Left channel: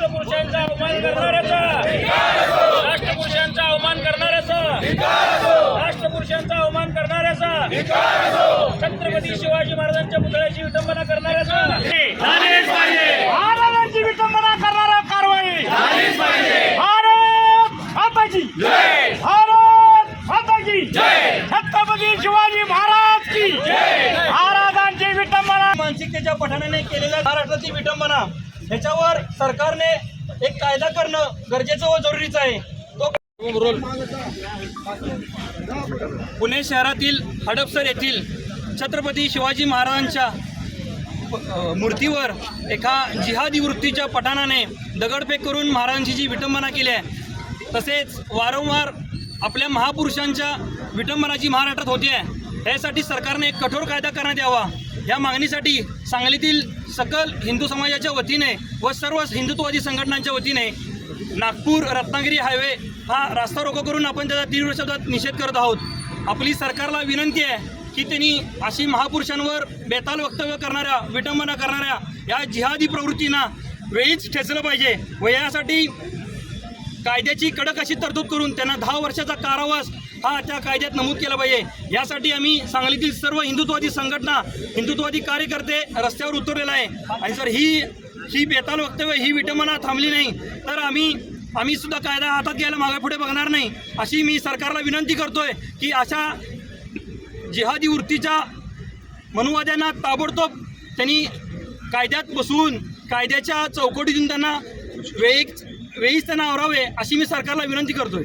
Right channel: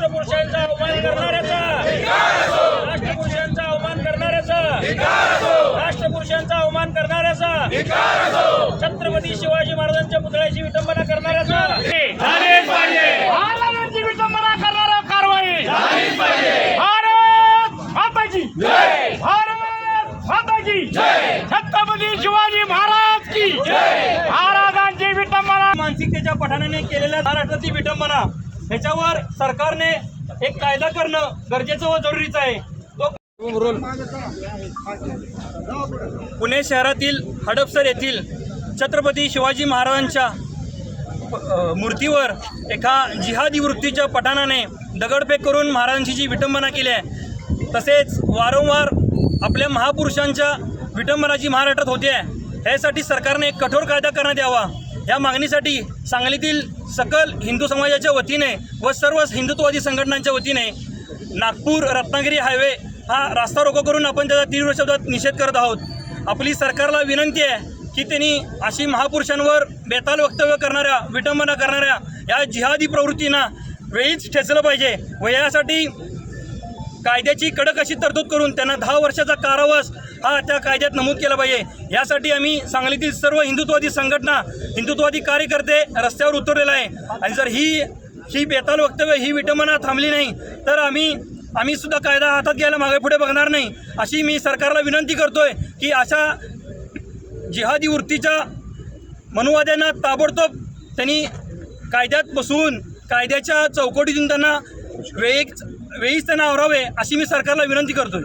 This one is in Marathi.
अवमान करणाऱ्याचा. राष्ट्रपुरुषांचा अवमान करणाऱ्याचा. राष्ट्रपुरुषांचा अवमान करणाऱ्याचा. छत्रपती शिवाजी महाराजांच्या पुतळ्याची विटंबना करणाऱ्याचा. विटंबना करणारा कारवाई. भारत माताजी भारत माताजी छत्रपती शिवाजी महाराज की महाराजांची विटंबना. मानसिकतेच्या पठाणाने केलेल्या महाराष्ट्राची विटंबना. ह्याच्यावर सरकारने एक कायदा करणं गरजेचं व जरुरीचं आहे. तो पुणे शहरातील हडपसर येथील छत्रपती शिवाजी महाराजांच्या मूर्तीवर एका जिहादी वृत्तीच्या पठाणाने दगडफेक करून महाराजांची जी विटंबना केली आहे तसेच वारंवार आपल्या महापुरुषांच्या विटंबनाची महाराष्ट्रात होते आहे. यासाठी सरकारने एक कठोर कायदा करण्यात यावा. या मागणीसाठी सांगलीतील सकल हिंदू समाजाच्या वतीने व सर्व हिंदुत्ववादी संघटनांच्या वतीने नागपूर रत्नागिरी हायवे हा रास्ता रोको करून आपण त्याचा तीव्र शब्दात निषेध करत आहोत. आपली सरकारला विनंती आहे की त्यांनी अशी महापुरुषांवर बेताल वक्तव्य करणाऱ्या विटंबना करणाऱ्या या जिहादी प्रवृत्तींना वेळीच ठेचलं पाहिजे व यासाठी कायद्याची कडक अशी तरतूद करून त्यांना दहा वर्षाचा कारावास हा त्या कायद्यात नमूद केला पाहिजे. यासाठी आम्ही सांगलीतील सर्व हिंदुत्ववादी संघटना हिंदुत्ववादी कार्यकर्ते रस्त्यावर उतरलेला आहे. आणि जर ही ही बेताल वक्तव्य ही विटंबना थांबली नाही तर आम्ही आम्ही सुद्धा कायदा हातात घ्यायला मागे पुढे बघणार नाही. अशी मी सरकारला विनंती करतोय की अशा जिहादी वृत्तीच्या मनुवाद्यांना ताबडतोब त्यांनी कायद्यात बसवून कायद्याच्या चौकटीतून त्यांना वेळीच वेळीच त्यांना आवरावे अशी मी सरकारला विनंती करतोय.